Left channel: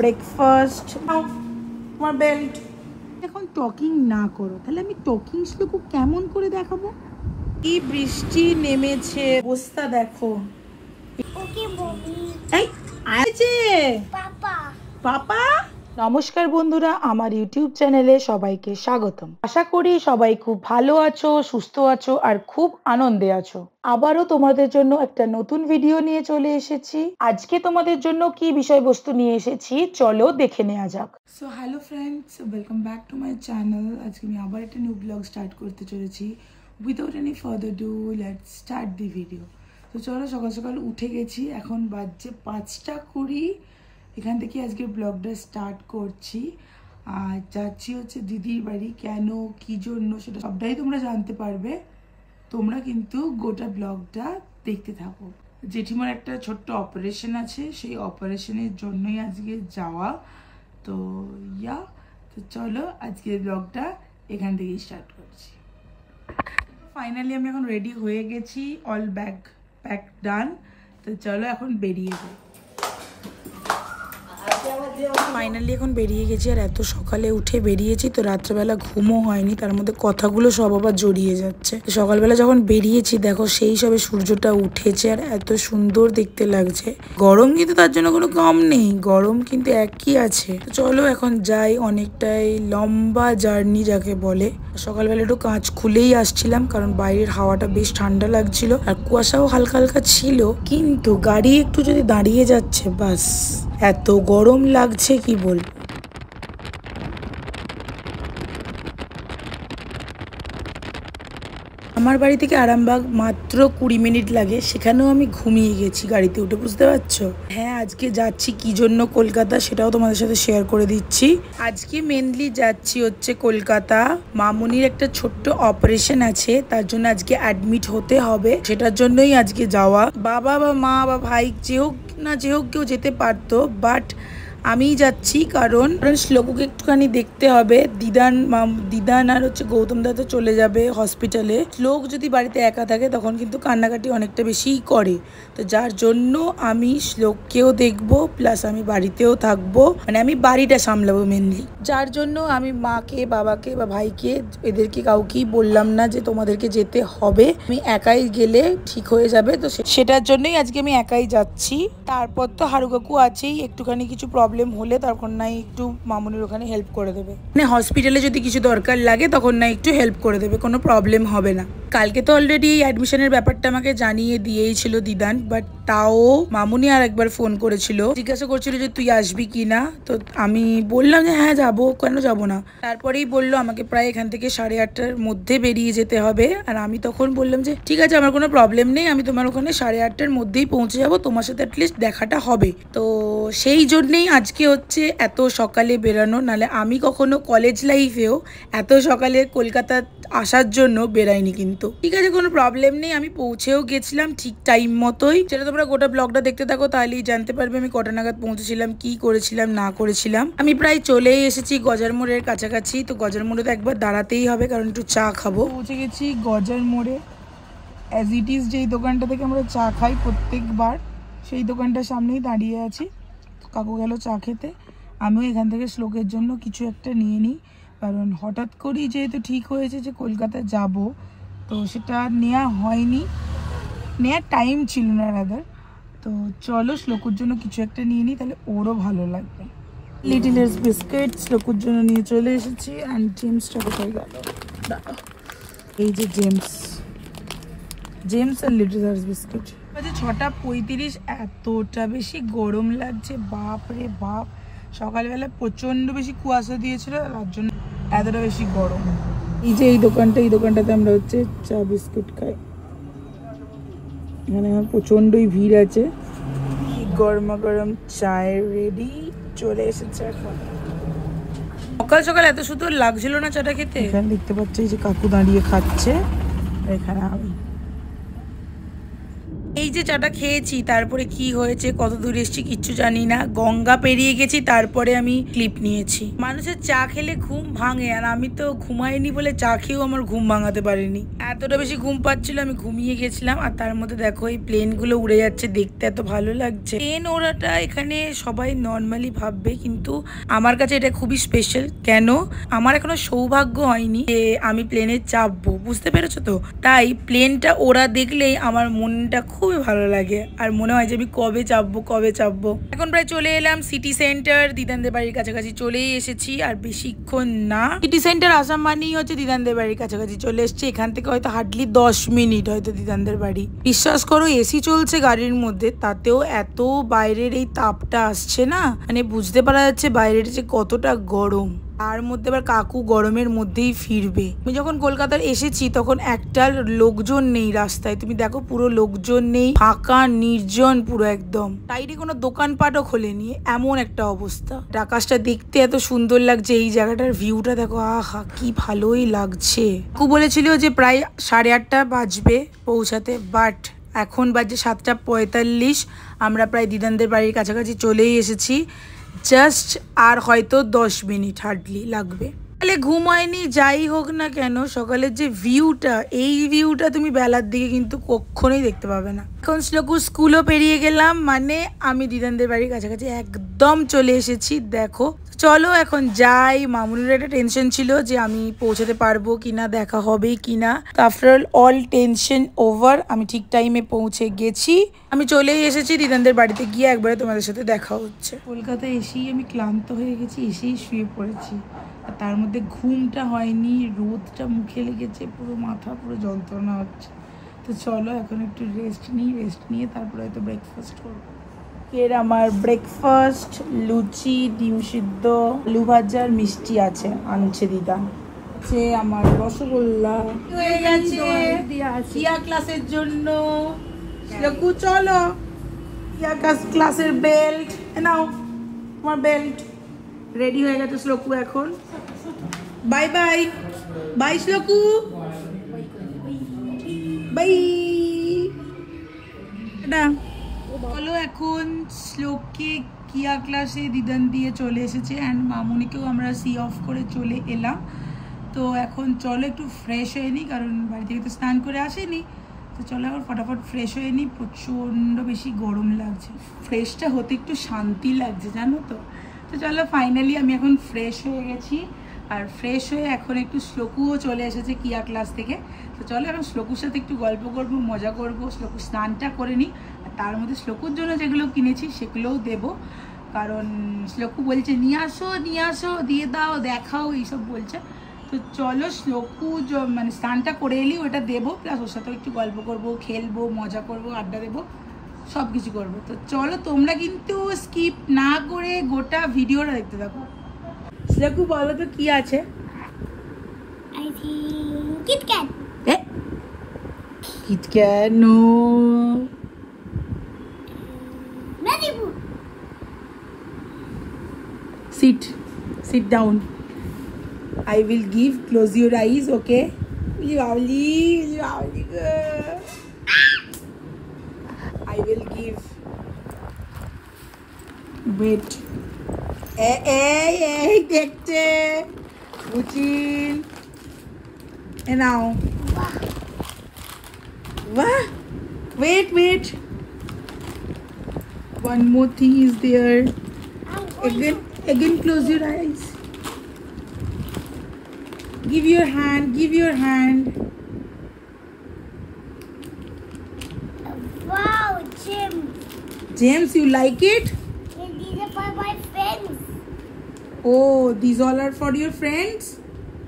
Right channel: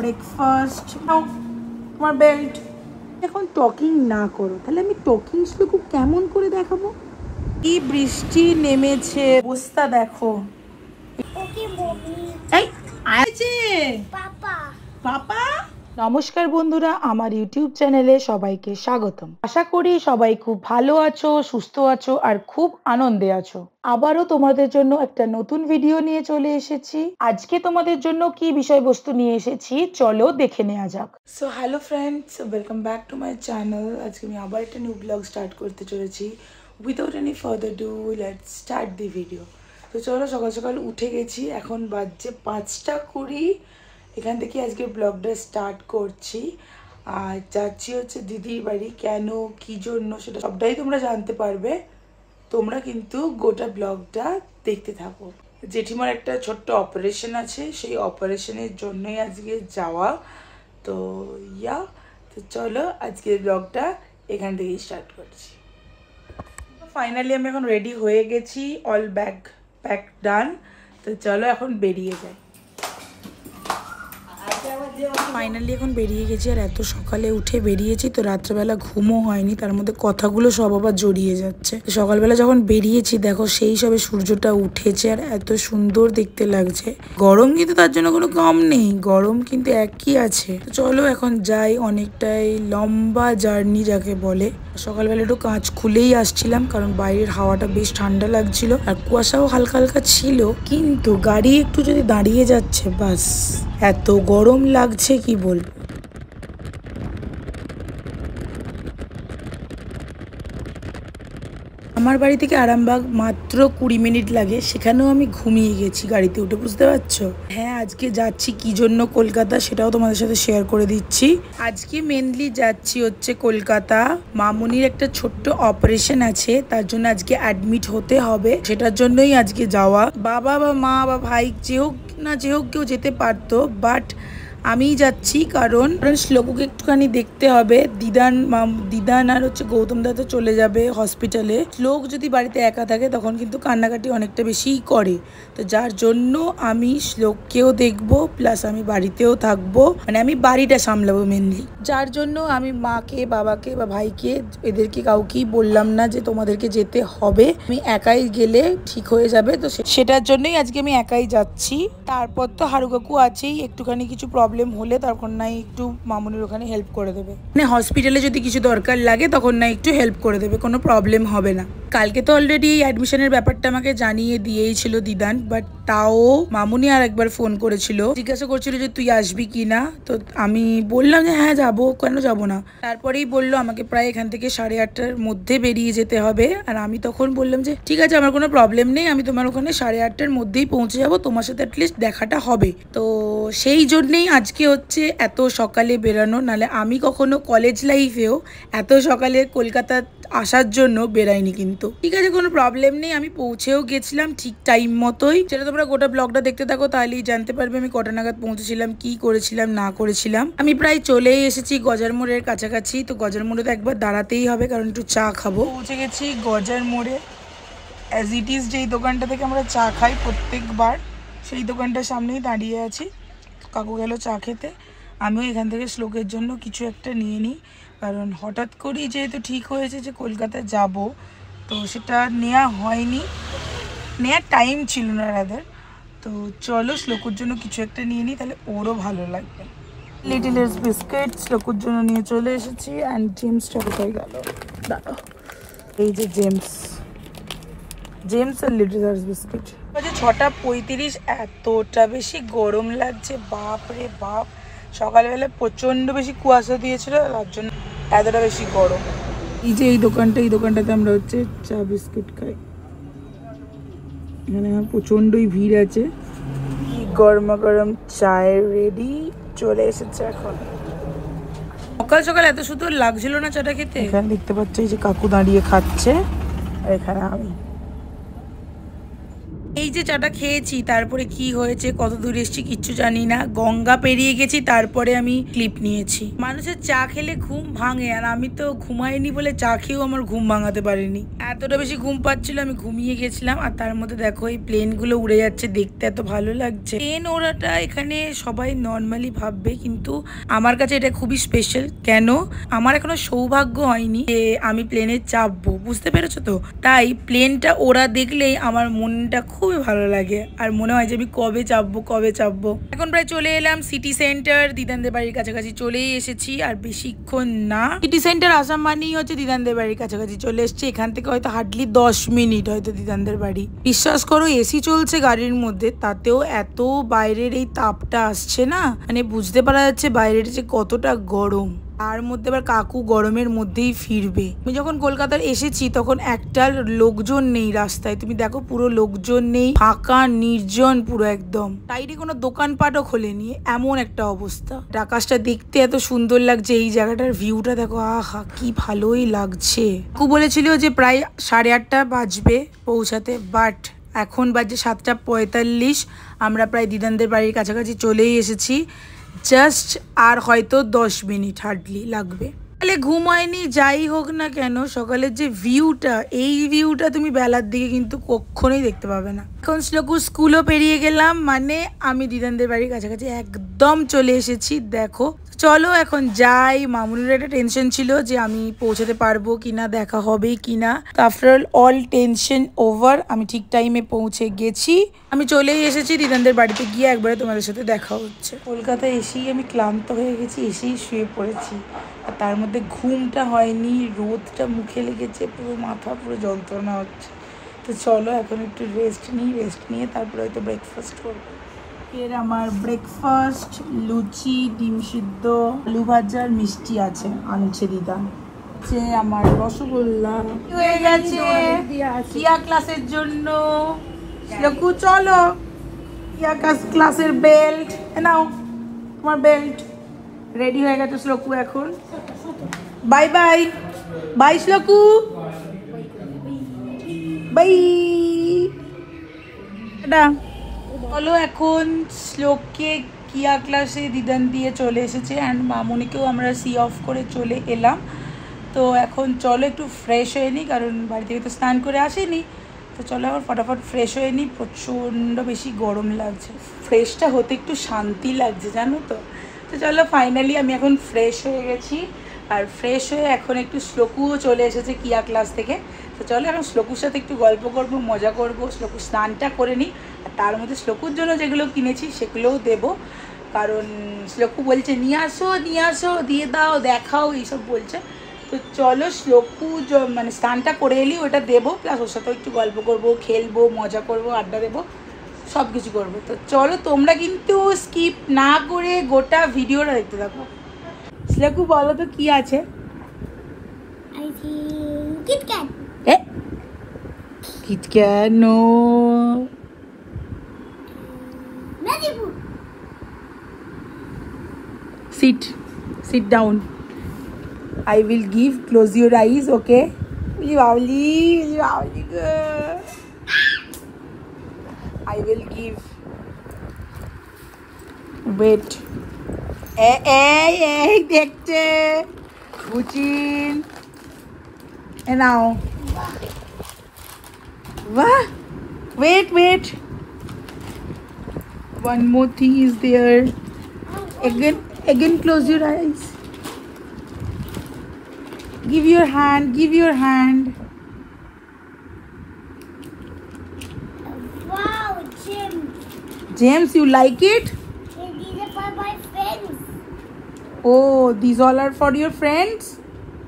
Breakfast. তোমার belt. এখন talking না করো, তাহলে আমি টকিং শ্লোকু কেমন করে দেখাবো? কি বৃষ্টি নেমেছে, অবস্থা দেখো। নমস্কার বন্ধুরা, আমার ইউটিউব চ্যানেলে সবাইকে স্বাগতম। আশা করি সবাই খুব ভালো আছো, সুস্থ আছো আর খুব আনন্দে আছো। আবারও তোমাদের জন্য একটা নতুন ভিডিও নিয়ে চলে এসেছি। আজকে তোমাদের জন্য কি বিষয়বস্তু নিয়ে এসেছি চলো দেখে নেওয়া যাক। So hello friends, welcome back to my channel. আজকে আমি আবার একটা নিউ ব্লগ স্টার্ট করতে চলেছি। Without any further do, let's start the video. তো চলো, সকাল সকাল উঠে গেছি, এখন বাজছে 5:20। এখান থেকে আজকে ব্লগটা স্টার্ট করছি। আর যাচ্ছি হচ্ছে দিদির বাড়ি। কেন, কী জন্য, সেটা সবটাই তোমরা জানতে পারবে। তোমরা কিন্তু গোটা ব্লগটা দেখতে থাকো। জেঠিমার একটা ছোট্ট অপারেশন আছে, সেই অপারেশনের জন্যই আজকে যাওয়া। তো তো চলো আজকের ব্লগটা এখান থেকেই স্টার্ট করছি। ফাইনালি আমি এখন রেডি হয়ে গেছি, অল ব্যাগ প্যাক ডান। তো চলো এখন বেরিয়ে যাই। ফাইনালি এখন বেরিয়ে গেছি, আর এত সকালে উঠে বেরিয়েছি তো রাত্রেবেলা ঘুমও হয়নি, তার মধ্যে কথাগুলো সব আবার জড়িয়ে যাচ্ছে। সকালবেলা যখন বেরিয়েছি দেখো সেই সবে সূর্যটা উঠেছে আর এত সুন্দর দেখতে লাগছে। গরম কিন্তু তার জন্য কোনো কম নেই, গরম কিন্তু একই আছে। চলো এখন যাই, অনেকটাই লম্বা জার্নি যাকে বলে। সকালবেলা একটু কাঁচ খুলেই আসছিলাম, কারণ বাইরের হাওয়াটা বেশ ঠান্ডা লাগছিল আর কুয়াশাও হালকা হালকা ছিল, কিন্তু গাড়ি একটু যদি দাঁড়িয়ে যাচ্ছে বাস এত গরম লাগছে কি বলবো। আমার বাড়ি থেকে আরামবাগ মাত্র 20 মিনিট লাগে, সেখানেও আমি ঘুমিয়ে গেছি গাড়িতে উঠে, বুঝতে পারছো? হ্যাঁ, আজকে যাচ্ছি কি জন্য কলকাতা সেটাও তোমাদের সাথে শেয়ার করে দিচ্ছি। আজকে মেনলি যাচ্ছি হচ্ছে কলকাতা। মামুনির একটা ছোট্ট অপারেশন আছে, তার জন্য আজকে অ্যাডমিট হতে হবে, সেটার জন্যই আজকে যাওয়া। বাবা বা মা বা ভাই যে হোক না যে হোক কেউ যেতে পারতো, বাট আমিই যাচ্ছি, কারণ শ্লোকুকে একটুখানি দেখতে হবে। দিদান আর হচ্ছে গৌতম দা তো চলে যাবে হসপিটালে। শ্লোক যদি বাড়িতে একা থাকে তখন কিন্তু কান্নাকাটি অনেকটা বেশিই করে, তো যার জন্য আমি শ্লোককেও দেখবো, প্লাস আমি বাড়িতেও থাকবো, মানে আমি বাড়িটা সামলাবো মেনলি। যার জন্য আমি মাকে, বাবাকে বা ভাইকে, এদেরকে কাউকেই বললাম না যে তোমাদেরকে যেতে হবে, আমি একাই গেলে ঠিক হয়ে যাবে। তো সেটার জন্যই আজকে আমি একাই যাচ্ছি। তারপর তো হারু কাকু আছেই, একটুখানি কিছু প্রবলেম হলে তখন নাই একটু মামুনির ওখানে হেল্প করে দেবে, মানে হসপিটালে যদি কিছু দরকার লাগে তখন না একটু হেল্প করে দেবে, কোনো প্রবলেম হবে না। কালকে তো অলরেডি এই অ্যাডমিশনের ব্যাপারটা আমাকে জানিয়ে দিয়েই ছিল দিদান, বাট তাও মামুনি আর একবার ফোন করেছিল, জিজ্ঞাসা করছিল যে তুই আসবি কি না। তো আমি বললাম যে হ্যাঁ যাবো, কেন যাবো না। তারপরেই বললো আমাকে প্রায় এখান থেকে 8:30টার মধ্যে বেরিয়ে যেতে হবে, আর আমি তখন বললাম যে ঠিক আছে, আমার কোনো প্রবলেম নেই, আমি তোমার ওখানে 8:30টার মধ্যেই পৌঁছে যাবো, তোমার সাথে অ্যাটলিস্ট দেখাটা হবে। তো সেই জন্যেই আজকে হচ্ছে এত সকালে বেরানো, নাহলে আমি কখনো কলেজ লাইফেও এত সকালে কলকাতা আসার জন্য বেরাইনি। কিন্তু ঠিক আছে, কোনো প্রবলেম নেই, আমি পৌঁছেও গেছিলাম ঠিক টাইম মতোই। সেটা তোমরা গোটা ব্লগটা দেখতে থাকো, তাহলেই জানতে পারবে আমি কটা নাগাদ পৌঁছেছিলাম, কি করেছিলাম না করেছিলাম। আমি প্রায় চলেই এসেছি গজার মোড়ের কাছাকাছি। তো গজার মোড়ে তো একবার দাঁড়াতেই হবে, কারণ একটু চা খাবো। পৌঁছে গেছি গজার মোড়ে। অ্যাজ ইট ইজ যেই দোকানটা থেকে আমরা চা খাই প্রত্যেকবার, সেই দোকানটার সামনেই দাঁড়িয়ে আছি। কাকু গেল চা খেতে, আমিও এখান থেকে শ্লোকের জন্য কিছু একটা নিয়ে নিই, কারণ হঠাৎ করেই যেহেতু ঠিক হয়েছে যে কলকাতা যাব, তো সেটা নেওয়া হয়নি, নেওয়ার টাইম ছিল না রাদার। তো চলো শ্লোকুর জন্য কিছু একটা নিয়ে নিই, তাহলে ওরও ভালো লাগবে। লিটলের বিস্কিট শ্লোকুর জন্য নিয়ে চলে এসেছি। অ্যান্ড জেমসটা কোথায় গেল, দাঁড়াও, এই যে জেমস আর লিটলের বিস্কিট। 6:35, এতটা বেশি গরম লাগছে, বাপ রে বাপ। সকালবেলা প্রচন্ড বেশি কুয়াশা দিয়েছিল, তার জন্য এতটা বেশি গরম। এই যে এই দোকানটাতে আমরা হচ্ছে চা বিস্কুট খাই। এখানে প্রচন্ডই ভিড় আছে। গরমা গরম চায় রেডি, চলে এসেছে এখন। সকাল সকাল এত সুন্দর লাগছিল না চাটা খেতে। এখানে দেখতে পাচ্ছি যে কাকু দাঁড়িয়ে খাচ্ছে, আর এখানে আমি। এই যে চাটা খেয়েছি, তারপরে কি হয়েছে, কত দূর এসেছি কিচ্ছু জানি না। গঙ্গা পেরিয়ে গেছি, তারপরে আমি ক্লিপ নিয়েছি। মানুষের চা খেলে ঘুম ভাঙে, আর আমি তো ঘুমাইনি বলে চা খেয়েও আমার ঘুম ভাঙাতে পারিনি। এতটা বেশি ঘুম পাচ্ছিল, আমি ঘুমিয়ে গেছিলাম। আর তার মধ্যে দেখো এই প্লেনগুলো উড়ে যাচ্ছে, দেখতে এত ভালো লাগছে। প্লেন ওড়াটা এখানে সবাই নর্মালি ভাববে, কিন্তু আমার কাছে এটা খুবই স্পেশাল। কেন? আমার এখনো সৌভাগ্য হয়নি যে আমি প্লেনে চাপবো, বুঝতে পেরেছো তো? তাই প্লেনটা ওরা দেখলেই আমার মনটা খুবই ভালো লাগে, আর মনে হয় যে আমি কবে চাপবো কবে চাপবো। এখন প্রায় চলে এলাম সিটি সেন্টার, দিদানদের বাড়ির কাছাকাছি চলেই এসেছি। আর বেশিক্ষণ না, সিটি সেন্টার আসাম মানেই হচ্ছে দিদানদের বাড়ির কাছাকাছি চলে এসেছি। এখান থেকে হয়তো হার্ডলি 10 মিনিট হয়তো দিদানদের বাড়ি। বিশ্বাস করো, এসি চলছে গাড়ির মধ্যে, তাতেও এত বাইরের এই তাপটা আসছে না, মানে বুঝতে পারা যাচ্ছে বাইরের যে কতটা গরম। তার মধ্যে আবার কাকু গরমের মধ্যেই ফিরবে। আমি যখন কলকাতার এসেছি তখন একটা লোকজন নেই রাস্তায়, তুমি দেখো পুরো লোকজন নেই, ফাঁকা নির্জন পুরো একদম। সাইডে কোনো দোকানপাটও খোলেনি, এমন একটা অবস্থা। আকাশটা দেখতে এত সুন্দর লাগছে, এই জায়গাটার ভিউটা দেখো, আহা কি ভালোই লাগছে। কাকু বলেছিল যে প্রায় 8:30 বাজবে পৌঁছাতে, বাট এখন বাজে 7:45। আমরা প্রায় দিদানদের বাড়ির কাছাকাছি চলেই এসেছি। জাস্ট আর হয়তো 10 মিনিট হার্ডলি লাগবে। তাহলে ঘুম হয়নি, যাই হোক না কেন, সকালের যে ভিউটা, এই ভিউটা তুমি বেলার দিকে কিন্তু কখনোই দেখতে পাবে না। এখন শ্লোকু স্কুলও পেরিয়ে গেলাম, মানে আমি দিদানদের বাড়ির কাছাকাছি একদম চলে এসেছি। দেখো চলো এখন যাই। মামুনির একটা টেনশন ছিল যে আমি পৌঁছাতে পারবো কিনা, দেখা হবে কিনা। তো আফটার অল টেনশন ওভার, আমি ঠিক টাইমে পৌঁছে গেছি। আমি চলেই এসেছি দিদানদের বাড়িতে, গিয়ে একবারে তোমাদের সাথে দেখা হচ্ছে। কলকাতায় এসেই আমি ক্লান্ত হয়ে গেছি, এসেই শুয়ে পড়েছি। আর তার মধ্যে ঘুমটা হয়নি, রোদটা মুখে লেগেছে, পুরো মাথা পুরো যন্ত্রণা হচ্ছে। তো চলো এখন একটু রেস্ট নিই, রেস্ট নিয়ে তারপরে হয়তো ব্রেকফাস্ট করবো। এর আমার ব্রেকফাস্ট লুচি, ডিম সিদ্ধ, আলু ভাজার মিষ্টি আছে, আনছে দিদা। যে আমার রসগোল্লা হয়ে গেছে কিয়া ক্লাসের জন্য। শ্লোকু চলো, কিয়া ক্লাসের বেল্ট নাও, তোমার বেল্ট রেডি হয়ে গেছে শ্লোকু এখন। Bye bye, bye Shloku, bye. চলো এখন শ্লোককে কিয়া ক্লাসে দিদান দিয়ে চলে এসেছে, অ্যান্ড মামুনিকেও আমরা সি অফ করে চলে এলাম। তো এখন চলো একটু ফ্রেশ হয়ে নিই, কারণ বাড়ি থেকে তো স্নান করে আসেনি। তো চলো আবার ফটাফট ফ্রেশ হয়ে নিই, প্রচণ্ড বেশি গরম লাগছে। ফ্রেশটা হতে একটু শান্তি লাগছে জানো তো। তো চলো ফাইনালি আমি এখন ফ্রেশ হয়ে গেছি, আর ফ্রেশ হয়ে এখন একটু শ্লোকুও চলে এসেছে কিয়া ক্লাস থেকে। তো চলো এখন শ্লোকুর সাথে একটু গল্প করবো, মজা করবো। শ্লোকু স্নানটা করে নিই, আর তার মধ্যে শ্লোকুর জন্য যেগুলো কিনেছি সেগুলোও দেবো, কারণ শ্লোকু বলছে নিয়ে আসো দিয়ে দাও, দেখাও, এইসব বলছে। তো চলো শ্লোকু মানে স্নানটা করে এলি ওটা দেবো, প্লাস ওর সাথেও একটু গল্প করবো, খেলবো, মজা করবো, আড্ডা দেবো, সব কিছু করবো। তো চলো তোমরা কিন্তু স্কিপ না করে গোটা ভিডিওটা দেখতে থাকো। শ্লোকু বলো তো কি আছে? KitKat. KitKat, no. Malibu. Sit down. I will give, close your eyes, okay? Lovely. I will give. Wait. Hey, দেখতে খুচিন। And now. What? Wait. One more thing is there. Again close your eyes. Give your hand. Wow, Jim. James, you like it? These are for my friends. Oh, these all are for your friends?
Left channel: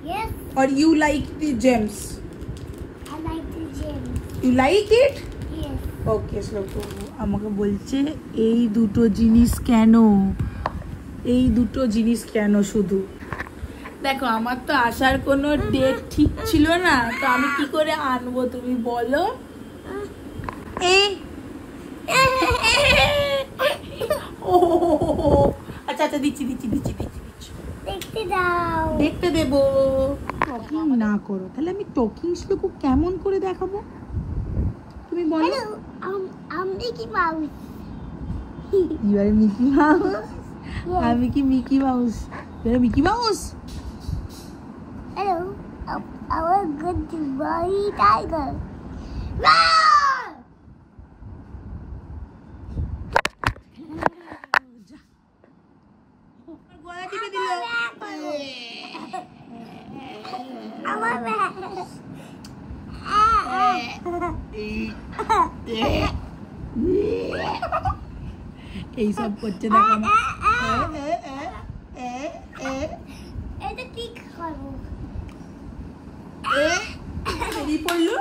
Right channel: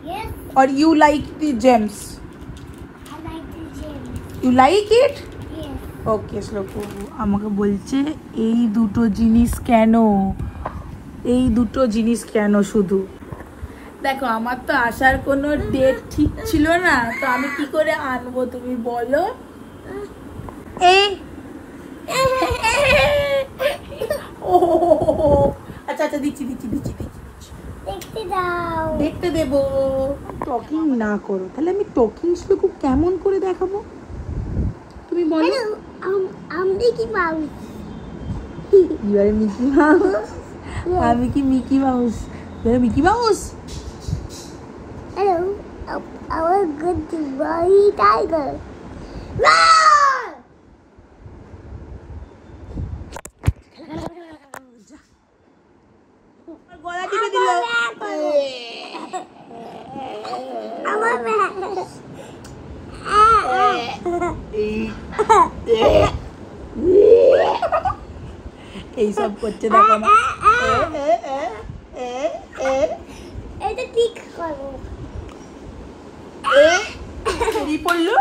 Yes, Or you like the gems? I like the Jim. You like it? Yes. Okay, Shloku. আমাকে বলছে এই দুটো জিনিস কেন শুধু। দেখো আমার তো আসার কোনো ডেট ঠিক ছিল না, তো আমি কি করে আনবো তুমি বলো? আচ্ছা দিচ্ছি। দেখতে দাও। দেখতে দেবো। টকিং না করো, তাহলে আমি টকিং শ্লোকু কেমন করে দেখাবো? একটু তুমি বলো। I'm Mickey Mouse. You are Mickey Mouse? আমি কি মিকি মাউস? তুমি Mickey mouse? Hello. I was good to Roy Tiger. Roar! গলা টিপে দিল। আমার এইসব করছে দেখো না। এটা ঠিক করো। বেরিয়ে পড়লো।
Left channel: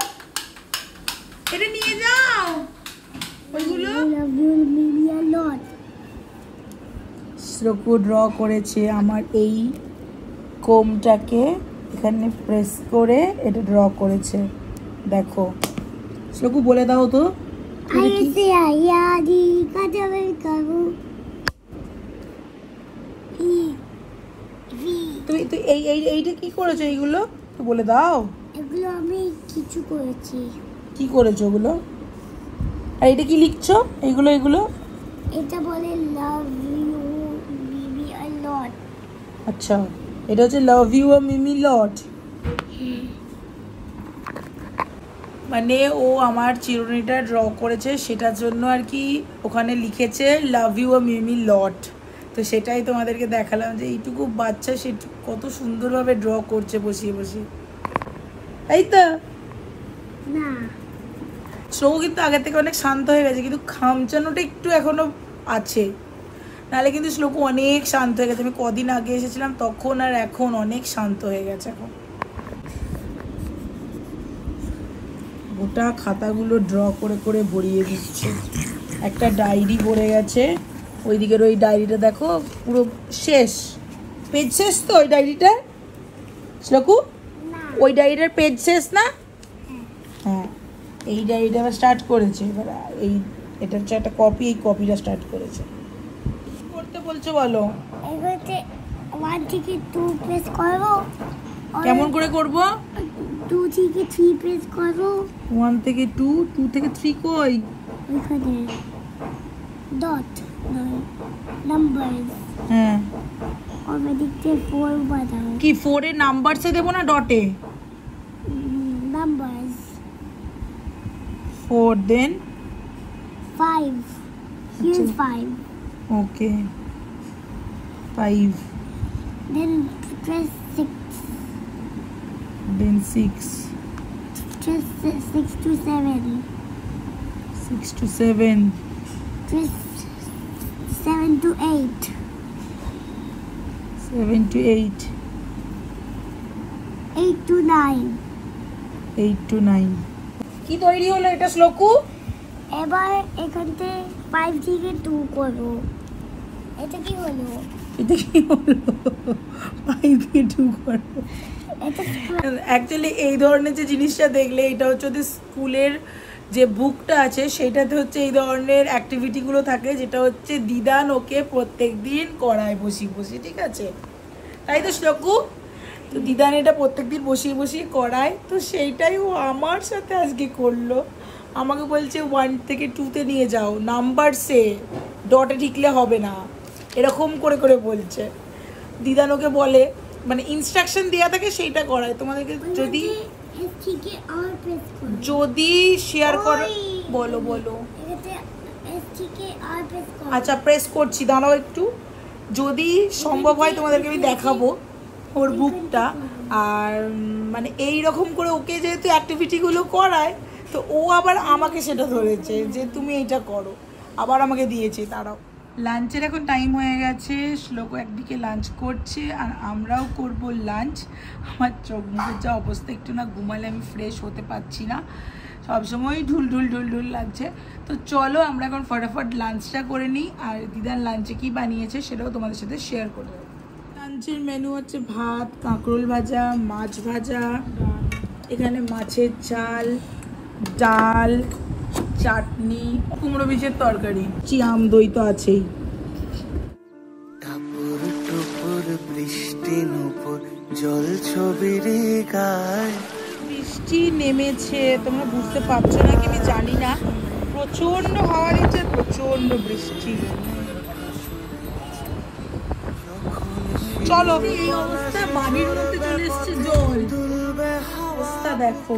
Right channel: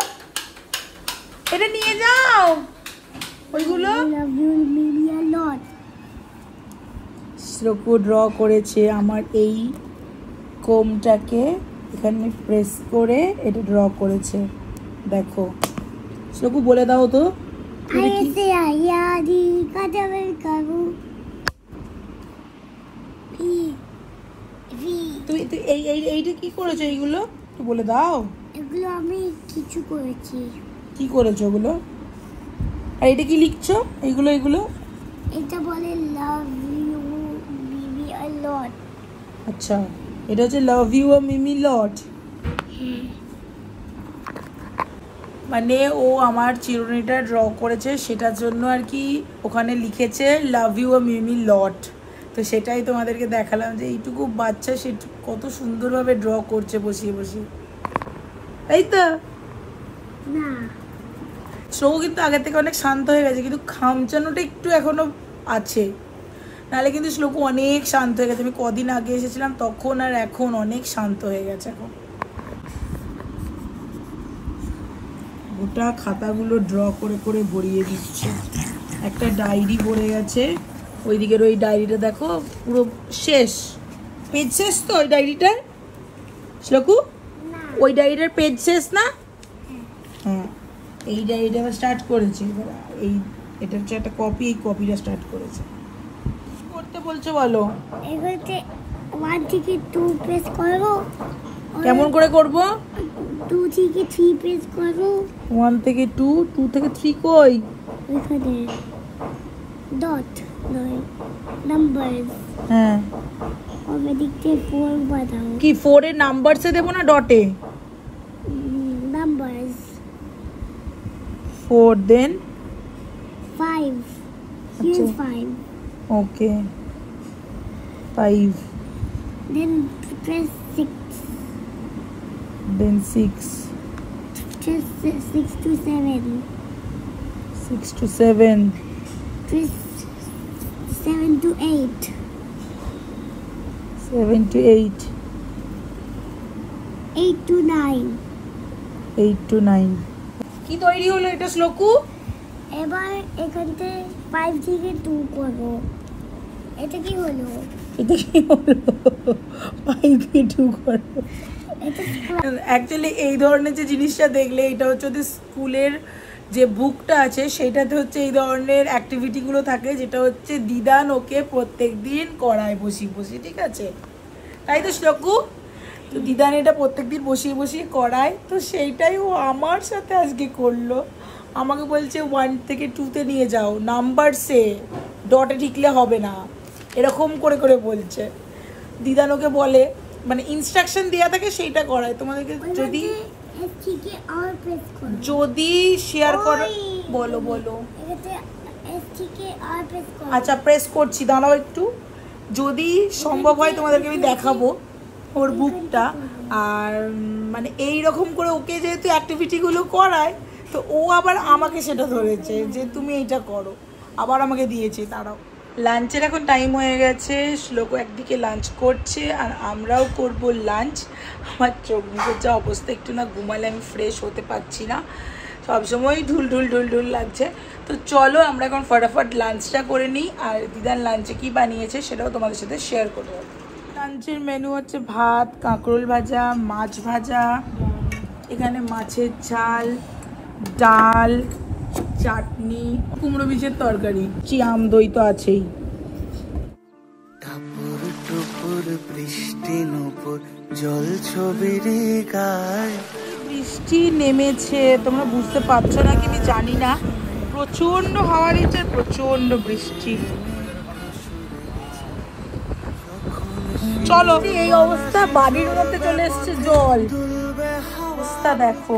এটা নিয়ে যাও ওইগুলো। I love you maybe a lot. Shloku draw করেছে আমার এই কোমটাকে এখানে প্রেস করে এটা ড্র করেছে দেখো। শ্লোকু বলে দাও তো ऐसे आया दी कदम करो তুই তুই এইটা কি করেছো? এইগুলো তো বলে দাও। এগুলো আমি কিছু করেছি। কি করেছো ওগুলো? আর এটা কি লিখছো? এইগুলো এটা বলে লাভ ইউ বেবি আ লট। আচ্ছা, এটা হচ্ছে লাভ ইউ আ মিমি লট। মানে ও আমার চিরুনিটা ড্র করেছে সেটার জন্য আর কি ওখানে লিখেছে লাভ ইউ আ মিমি লট। তো সেটাই তোমাদেরকে দেখালাম যে এইটুকু বাচ্চা সে কত সুন্দরভাবে ড্র করছে বসিয়ে বসিয়ে। এই তো না, শ্লোকু কিন্তু আগের থেকে অনেক শান্ত হয়ে গেছে, কিন্তু খামচানোটা একটু এখনো আছে, নাহলে কিন্তু শ্লোকু অনেক শান্ত হয়ে গেছে। আমি কদিন আগে এসেছিলাম তখন আর এখন অনেক শান্ত হয়ে গেছে। এখন গোটা খাতাগুলো ড্র করে করে ভরিয়ে দিচ্ছে। একটা ডায়েরি ভরে গেছে, ওইদিকের ওই ডায়েরিটা দেখো পুরো শেষ, পেজ শেষ তো ওই ডায়েরিটার। শ্লোকু ওই ডায়েরিটার পেজ শেষ না? হ্যাঁ, এই ডায়েরিটা আবার স্টার্ট করেছে। এবার এটা হচ্ছে একটা কপি, এই কপিটা স্টার্ট করেছে। কি করতে বলছো বলো? এগুলোতে 1 থেকে 2 প্রেস করো। কেমন করে করব? 2 থেকে 3 প্রেস করো। 1 থেকে 2, 2 থেকে 3 কই? এখানে ডট নাম্বারস। হ্যাঁ, ওই দিকতে 4 বাদাও। কি 4 এর নাম্বারসে দেব না ডটে? Numbers 4 then 5। Here's 5. Okay 5 Then press 6. Then 6 Press 6 to 7. 6 to 7 Press 7 to 8. 7 to 8 8 to 9. 8 to 9 কি তৈরি হলো এটা শ্লোকু? এবার এখানতে 5 থেকে 2 করো। এটা কি হলো? এটা কি হলো? 5 থেকে 2 করো। এটা অ্যাকচুয়ালি এই ধরনের যে জিনিসটা দেখলে এটা হচ্ছে ওদের স্কুলের যে বুকটা আছে সেটাতে হচ্ছে এই ধরনের অ্যাক্টিভিটিগুলো থাকে, যেটা হচ্ছে দিদান ওকে প্রত্যেক দিন করায় বসিয়ে বসিয়ে, ঠিক আছে? তাই তো শ্লোকু? তো দিদান এটা প্রত্যেক দিন বসিয়ে বসিয়ে করায়, তো সেইটাই ও আমার সাথে আজকে করলো। আমাকে বলছে 1 থেকে 2-তে নিয়ে যাও, নাম্বারসে ডটে লিখলে হবে না, এরকম করে করে বলছে। দিদান ওকে বলে, মানে ইনস্ট্রাকশন দেওয়া থাকে সেইটা করায়। তোমাদেরকে যদি এস থেকে আর প্রেস করো। যদি শেয়ার করো, বলো বলো। এটাতে এস থেকে আর প্রেস করো। আচ্ছা প্রেস করছি, দাঁড়াও একটু। যদি সম্ভব হয় তোমাদেরকে আমি দেখাবো ওর বুকটা। আর মানে এই রকম করে ওকে যেহেতু অ্যাক্টিভিটিগুলো করায়, তো ও আবার আমাকে সেটা ধরেছে যে তুমি এইটা করো, আবার আমাকে দিয়েছে। দাঁড়াও, লাঞ্চের এখন টাইম হয়ে গেছে। শ্লোকু একদিকে লাঞ্চ করছে আর আমরাও করব লাঞ্চ। আমার চোখ মুখের যা অবস্থা, একটু না ঘুমালে আমি ফ্রেশ হতে পারছি না, সবসময় ঢুল ঢুল ঢুল ঢুল লাগছে। তো চলো আমরা এখন ফটাফট লাঞ্চটা করে নিই, আর দিদার লাঞ্চে কি বানিয়েছে সেটাও তোমাদের সাথে শেয়ার করবো। লাঞ্চের মেনু হচ্ছে ভাত, কাঁকরোল ভাজা, মাছ ভাজা, এখানে মাছের ঝাল, ডাল, চাটনি, কুমড়ো বীজের তরকারি, আম দই তো আছেই। টাপুর টুপুর বৃষ্টি নুপুর জল ছবির গায়। বৃষ্টি নেমেছে, তোমরা বুঝতে পারছো না কি আমি জানি না, প্রচন্ড হাওয়া নিচ্ছে, প্রচন্ড বৃষ্টি। চলো, এই অবস্থা, বাড়ির মধ্যে চলে এসছে জল। অবস্থা দেখো,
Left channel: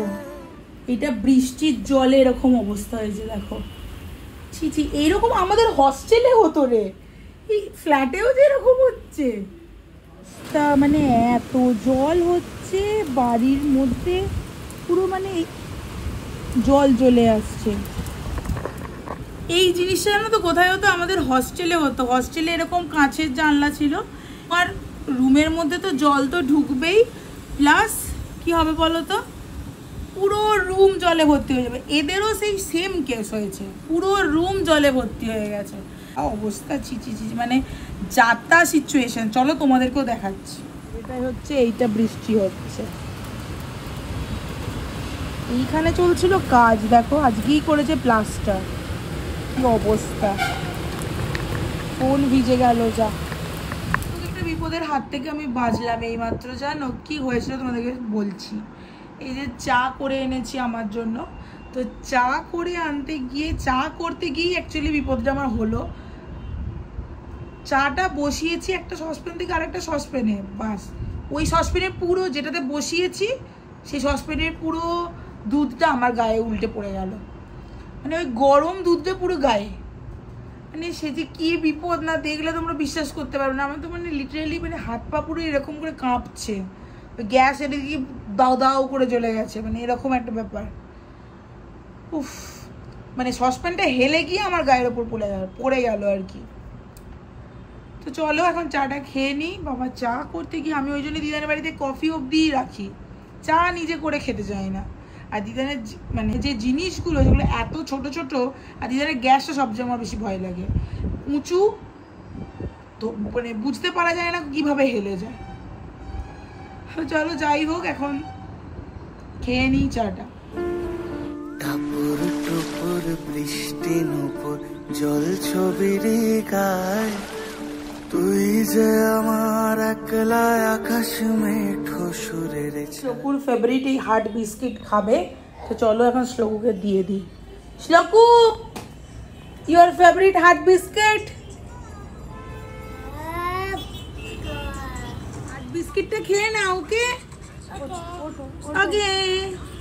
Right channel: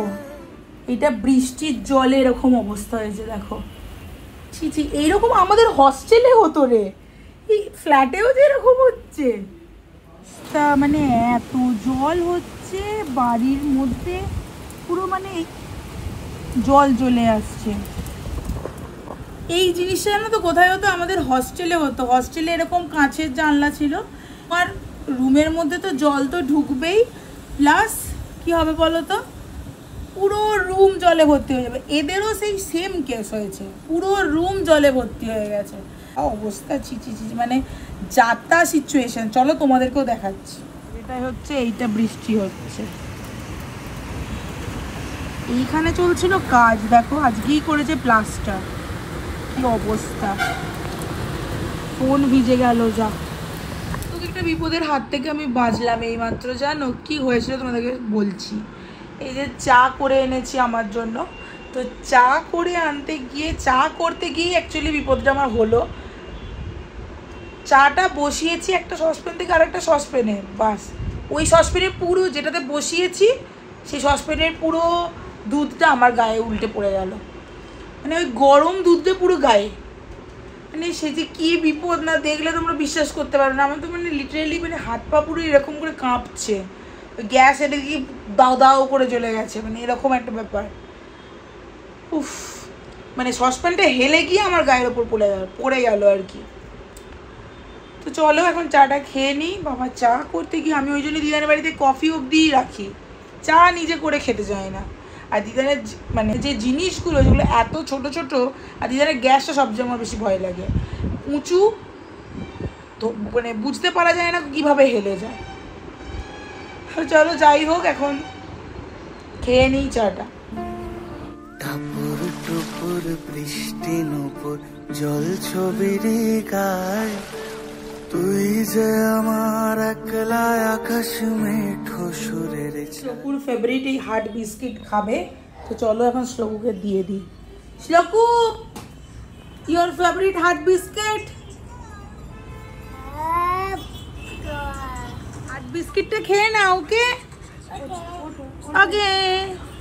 এটা বৃষ্টির জলে এরকম অবস্থা হয়েছে, দেখো। ছি ছি, এইরকম আমাদের হস্টেলে হতো রে, এই ফ্ল্যাটেও যে এরকম হচ্ছে। তা মানে এত জল হচ্ছে বাড়ির মধ্যে, পুরো মানে জল চলে আসছে। এই জিনিসটা জানো তো কোথায় হতো? আমাদের হস্টেলে হতো। হস্টেলে এরকম কাঁচের জানলা ছিল, আর রুমের মধ্যে তো জল তো ঢুকবেই, প্লাস কি হবে বলো তো, পুরো রুম জলে ভর্তি হয়ে যাবে। এদেরও সেই সেম কেস হয়েছে, পুরো রুম জলে ভর্তি হয়ে গেছে। অবস্থা ছি ছি ছি, মানে যাতা সিচুয়েশন। চলো তোমাদেরকেও দেখাচ্ছি। এটাই হচ্ছে, এইটা বৃষ্টি হচ্ছে, এইখানে চলছিল কাজ, দেখো আজকেই করেছে প্লাস্টার। কি অবস্থা, ফোন ভিজে গেল। যা, একটা বিপদের হাত থেকে আমি বাঁচলাম এইমাত্র। জানো কি হয়েছিল তোমাদেরকে বলছি। এই যে চা করে এনেছি আমার জন্য, তো চা করে আনতে গিয়ে, চা করতে গিয়ে অ্যাকচুয়ালি বিপদটা আমার হলো। চাটা বসিয়েছি একটা সসপ্যান থেকে আরেকটা সসপ্যানে, বাস ওই সসপ্যানের পুরো যেটাতে বসিয়েছি সেই সসপ্যানের পুরো দুধটা আমার গায়ে উল্টে পড়ে গেল। মানে ওই গরম দুধটা পুরো গায়ে, মানে সে যে কী বিপদ না, দেখলে তোমরা বিশ্বাস করতে পারবে না। আমার তো মানে লিটারেলি মানে হাত পা পুরো এরকম করে কাঁপছে, গ্যাস এটা কি দাও দাও করে চলে গেছে, মানে এরকম একটা ব্যাপার। উফ, মানে সসপ্যানটা হেলে গিয়ে আমার গায়ের ওপর পড়ে গেল আর কি। তো চলো এখন চাটা খেয়ে নিই। বাবা, চা করতে গিয়ে আমি ওই জন্য দিদানের বাড়িতে কফি অবধিই রাখি, চা নিজে করে খেতে চাই না। আর দিদানের মানে যে জিনিসগুলো, যেগুলো এত ছোট ছোট, আর দিদানের গ্যাসটা সবচেয়ে আমার বেশি ভয় লাগে, উঁচু তো, মানে বুঝতে পারা যায় না কিভাবে হেলে যায়। চলো যাই হোক, এখন খেয়ে নিই চাটা। টাপুর টুপুর বৃষ্টি নুপুর জল ছবির গায়, তুই যে আমার একলা আকাশ মেঠো সুরের। শ্লোকুর ফেভারিট এই হার্ট বিস্কিট খাবে, তো চলো এখন শ্লোকুকে দিয়ে দিই। Shloku, your favourite heart biscuit. Heart বিস্কিটটা খেয়ে না, ওকে? ওকে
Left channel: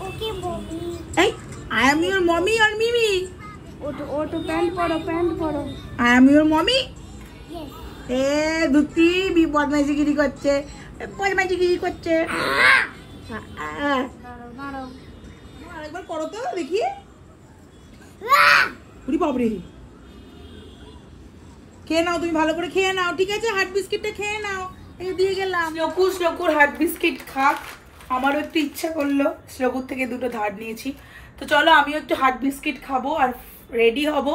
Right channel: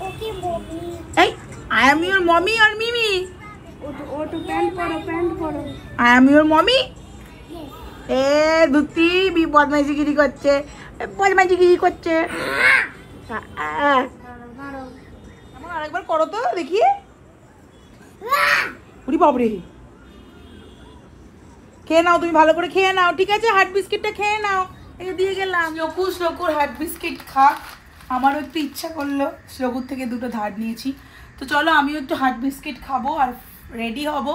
ওকে মমি, এই আই এম ইওর মমি আর মিমি। ওটো প্যান্ট পরো। I am your mommy. এ ধুতি বদমাইশিগিরি করছে, বদমাইশিগিরি করছে। আরেকবার করো তো দেখি। উরি বাবরে, খেয়ে নাও, তুমি ভালো করে খেয়ে নাও, ঠিক আছে? হার্ট বিস্কিটটা খেয়ে নাও, এই দিয়ে গেলাম। শ্লোকুর হার্ট বিস্কিট খা, আমারও একটু ইচ্ছা করলো, শ্লোকুর থেকে দুটো ধার নিয়েছি। তো চলো আমিও একটু হার্ট বিস্কিট খাবো আর রেডি হব।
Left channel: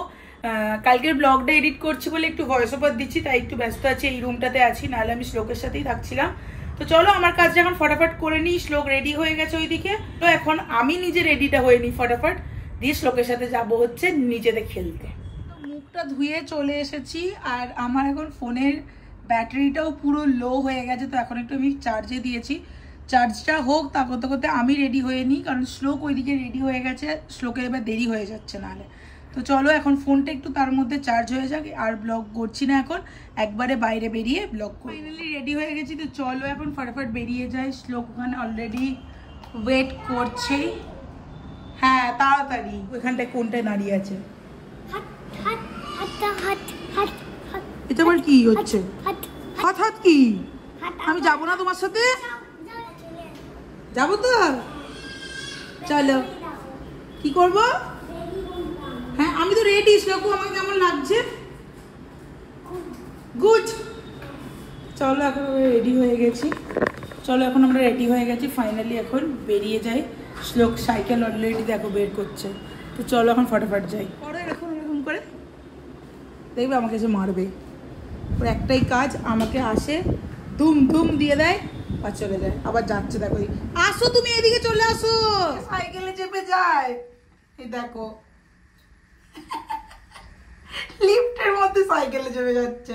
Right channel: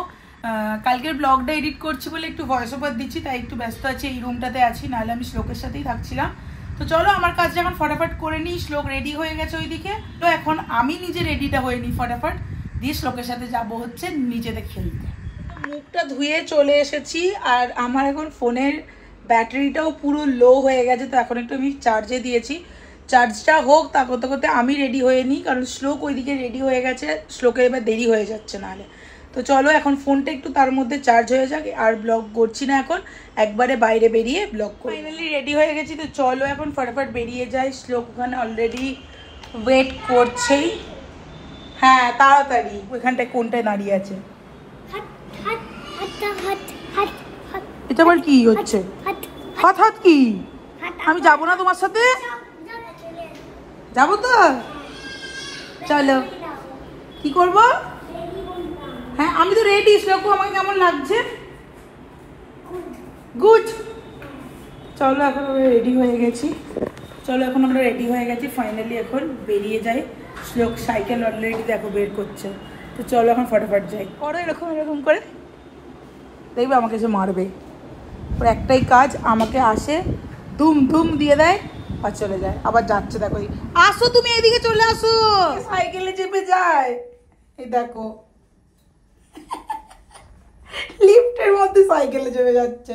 কালকের ব্লগটা এডিট করছি বলে একটু ভয়েস ওভার দিচ্ছি, তাই একটু ব্যস্ত আছি, এই রুমটাতে আছি, নাহলে আমি শ্লোকের সাথেই থাকছিলাম। তো চলো আমার কাজটা এখন ফটাফট করে নিই। শ্লোক রেডি হয়ে গেছে ওইদিকে, তো এখন আমি নিজে রেডিটা হয়ে নিই ফটাফট, দিয়ে শ্লোকের সাথে যাব হচ্ছে নিচেতে খেলতে। মুখটা ধুয়ে চলে এসেছি, আর আমার এখন ফোনের ব্যাটারিটাও পুরো লো হয়ে গেছে, তো এখন একটু আমি চার্জে দিয়েছি। চার্জটা হোক, তা করতে করতে আমি রেডি হয়ে নিই, কারণ শ্লোক ওইদিকে রেডি হয়ে গেছে, শ্লোকের এবার দেরি হয়ে যাচ্ছে নাহলে। তো চলো এখন ফোনটা একটু তার মধ্যে চার্জ হয়ে যাক, আর ব্লগ করছি না এখন, একবারে বাইরে বেরিয়ে ব্লগ করি। ফাইনালি রেডি হয়ে গেছি, তো চলো এখন ফটাফট বেরিয়ে যাই। শ্লোক ওখানে অলরেডি ওয়েট করছেই। হ্যাঁ তাড়াতাড়ি, ওইখানটায় কোনটায় দাঁড়িয়ে আছে। এটা আবার কি হচ্ছে? হাত হাত কি? আমি যাবো না তোমার সাথে? যাবো তো, চলো। কি করবো? হ্যাঁ আমি তো রেডি। শ্লোকু আমাকে কেমন লাগছে? গুড। চলো এখন আমরা রেডি হয়ে গেছি, ফাইনালি এখন বেরিয়ে যাই। শ্লোক সাইকেল অলরেডি দেখো বের করছে, তো চলো এখন ফটাফট যাই। করো এরকম করে, দেখবে আমাকে এসে মারবে। ওর একটাই কাজ, আমাকে আসে ধুম ধুম দিয়ে দেয় আর চলে যায়, আবার যাচ্ছে। দেখো, আসো তুমি এদিকে চলে আসো, সাইকেলে চেপে যায়। এই দেখো লিফটের মধ্যে সাইকেলে চেপে যাচ্ছে।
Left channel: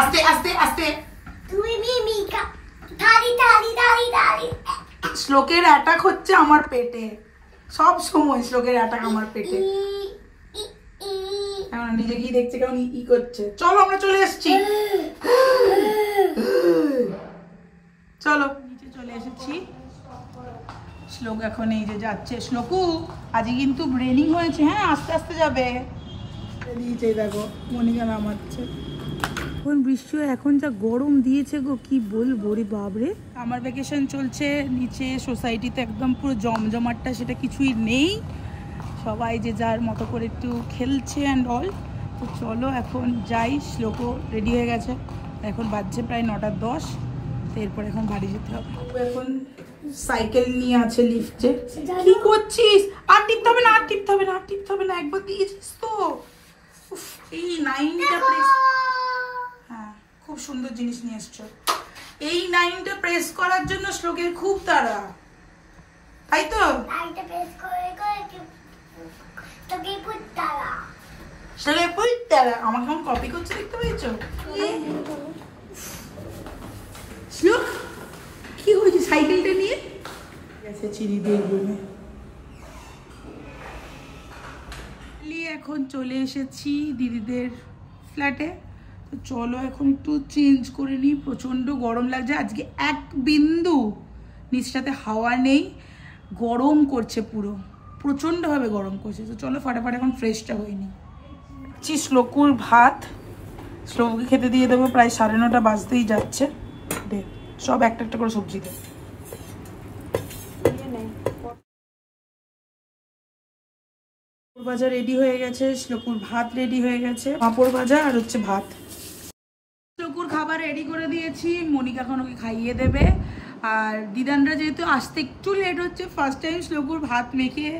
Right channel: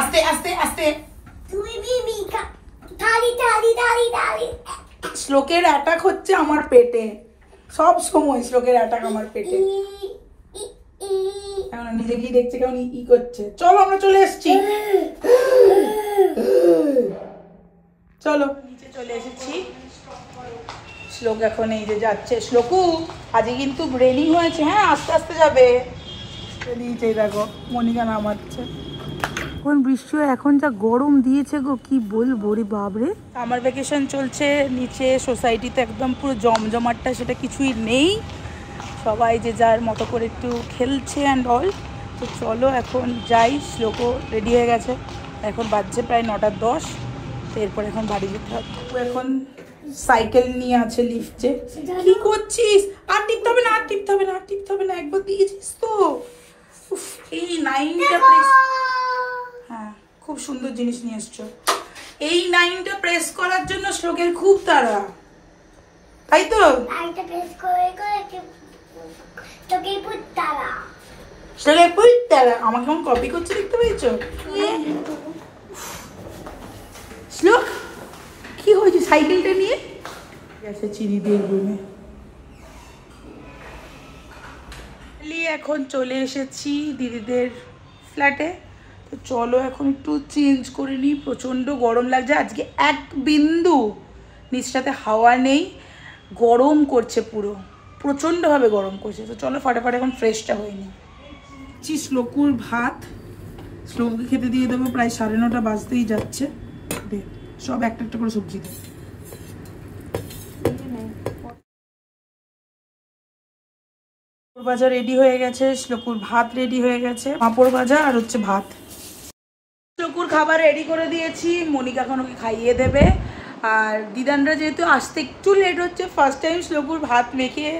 আস্তে আস্তে আস্তে। তুমি মিমিকা শ্লোকের অ্যাটাক হচ্ছে আমার পেটে, সব সময় শ্লোকের অ্যাটাক আমার পেটে। নিজে কি দেখছে কেমন ই করছে। চলো আমরা চলে এসেছি, চলো নিচে চলে এসেছি। শ্লোক এখন এই যে যাচ্ছে। শ্লোকু আজকে কিন্তু রেনিং হয়েছে, হ্যাঁ আস্তে আস্তে যাবে। দিয়েছে দেখো মনিকা নামাচ্ছে। এখন বৃষ্টি, এখন যা গরম দিয়েছে গো কি বলবো রে বাবরে। আমার ভ্যাকেশন চলছে নিচে সোসাইটিতে, একদম পুরো জমজমাটটা সেটা কিছুই নেই, সবাই যে যার মতো করে একটু খেলছে অ্যান্ড অল। তো চলো এখন যাই। শ্লোকও রেডি হয়ে গেছে, এখন বাজছে প্রায় 9:10। তো এরপর এখন বাড়ি যেতে হবে। এখন সাইকেল নিয়ে আছে লিফটে। কি করছিস? আর টিপতে হবে না, আর টিপতে হবে না, আর টিপতে হবে না, একবার দিয়েছিস তো। এই 9টা প্রেস, হ্যাঁ খুব সুন্দর জিনিস নিয়ে এসছো। এই 9টা প্রেস করার জন্য শ্লোকের খুব তাড়া, তাই তো? আমাকে কেমন কপি করছে দেখতে পেয়েছো? শ্লোক কি হয়েছে সাইকেলটা নিয়ে গেছে চিনিদের রুমে। এখন চলে এসেছি দিদিদের ফ্ল্যাটে। তো চলো এখন একটু চেঞ্জ করে নিই, প্রচণ্ড গরম লাগছে আজকে, এক বিন্দু নিচটাতে হাওয়া নেই, গরম করছে পুরো, প্রচণ্ডভাবে গরম করছে। তো চলো ফাটাফাট এখন ফ্রেশটা হয়নি। শ্লোকুর ভাত, শ্লোককে খেতে দিয়ে দেবো, প্রায় 9:30 বাজতেই যাচ্ছে। দে সব একটা একটা করে সবজি দে। ভাজা রেডি হয়ে গেছে, শ্লোকুর ভাত রেডি হয়ে গেছে, পাঁপড় ভাজা আর হচ্ছে ভাত। শ্লোকুর খাবার রেডি করে দিয়েছি, মনিকা এখন ওকে খাইয়ে দেবে। আর দিদানরা যেহেতু আসতে একটু লেট হচ্ছে, ফার্স্ট টাইম শ্লোকুর ভাত মেখে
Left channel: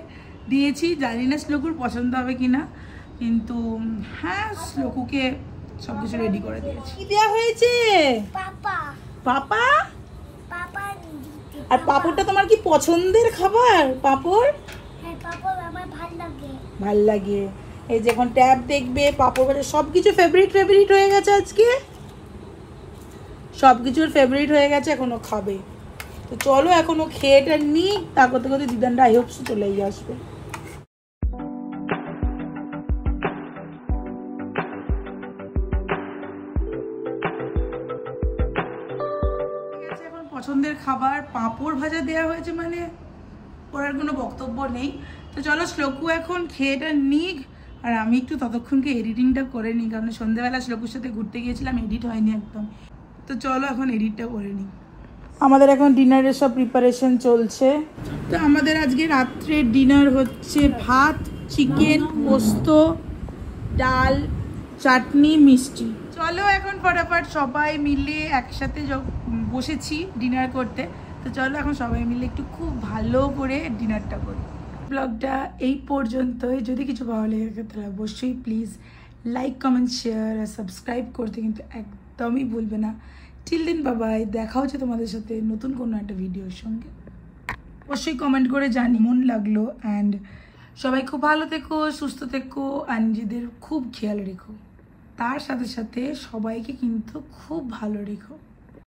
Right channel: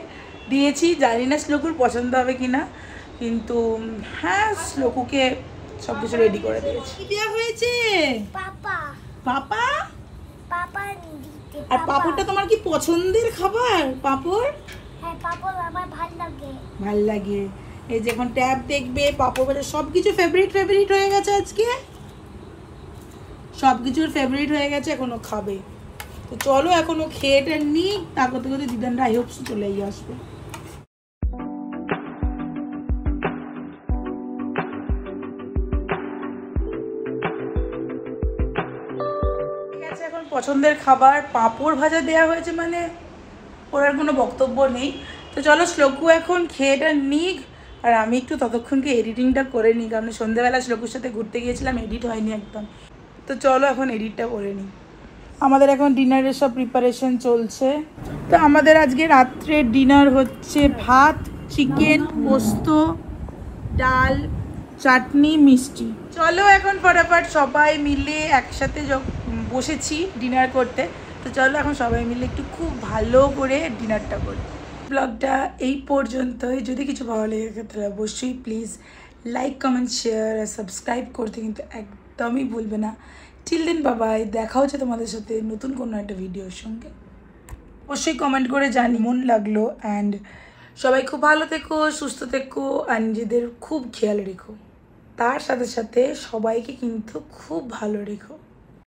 দিয়েছি, জানি না শ্লোকুর পছন্দ হবে কিনা, কিন্তু হ্যাঁ শ্লোকুকে সব কিছু রেডি করে দিয়েছি। কি দেওয়া হয়েছে? পাপা। পাপা? পাপা। আর পাপড়টা তোমার কি পছন্দের খাবার? পাপড়? হ্যাঁ পাপড় আমার ভালো লাগে। ভাল লাগে। এই যে এখন ট্যাব দেখবে, পাপড় ভাজা, সবকিছু ফেভারিট হয়ে গেছে আজকে, সবকিছুর ফেভারিট হয়ে গেছে, এখনো খাবে। তো চলো এখনো খেয়েটা নি, তা করতে করতে দিদানরা আই হোপ চলেই আসবে। এখন পছন্দের খাবার পাঁপড় ভাজা দেওয়া হয়েছে, মানে ওর আর কোনো বক্তব্য নেই। তো চলো শ্লোকু এখন খেয়েটা নিক, আর আমি একটু ততক্ষণকে এডিটিংটা করে নিই, কারণ সন্ধ্যেবেলা শ্লোকুর সাথে ঘুরতে গিয়েছিলাম, এডিট হয়নি একদম। তো চলো এখন এডিটটা করে নিই। আমাদের এখন ডিনারের সব প্রিপারেশন চলছে। তো আমাদের আজকে রাত্রে ডিনার হচ্ছে ভাত, চিকেন, পোস্ত, ডাল, চাটনি, মিষ্টি। চলো এখন ফটাফট সবাই মিলে একসাথে বসেছি ডিনার করতে। তো চলো এখন সবাই মিলে একটু খুব ভালো করে ডিনারটা করি। ব্লগটা এই পর্যন্তই। যদি কিছু ভালো লেগে থাকে তাহলে অবশ্যই প্লিজ লাইক, কমেন্ট, শেয়ার আর সাবস্ক্রাইব করতে কিন্তু একদমই ভুলবে না। টিল দেন বাবাই, দেখা হচ্ছে তোমাদের সাথে নতুন কোনো একটা ভিডিওর সঙ্গে। অবশ্যই কমেন্ট করে জানি মন লাগলো। অ্যান্ড সবাই খুব ভালো থেকো, সুস্থ থেকো আর নিজেদের খুব খেয়াল রেখো। তার সাথে সাথে সবাইকে কিন্তু খুব ভালো রেখো।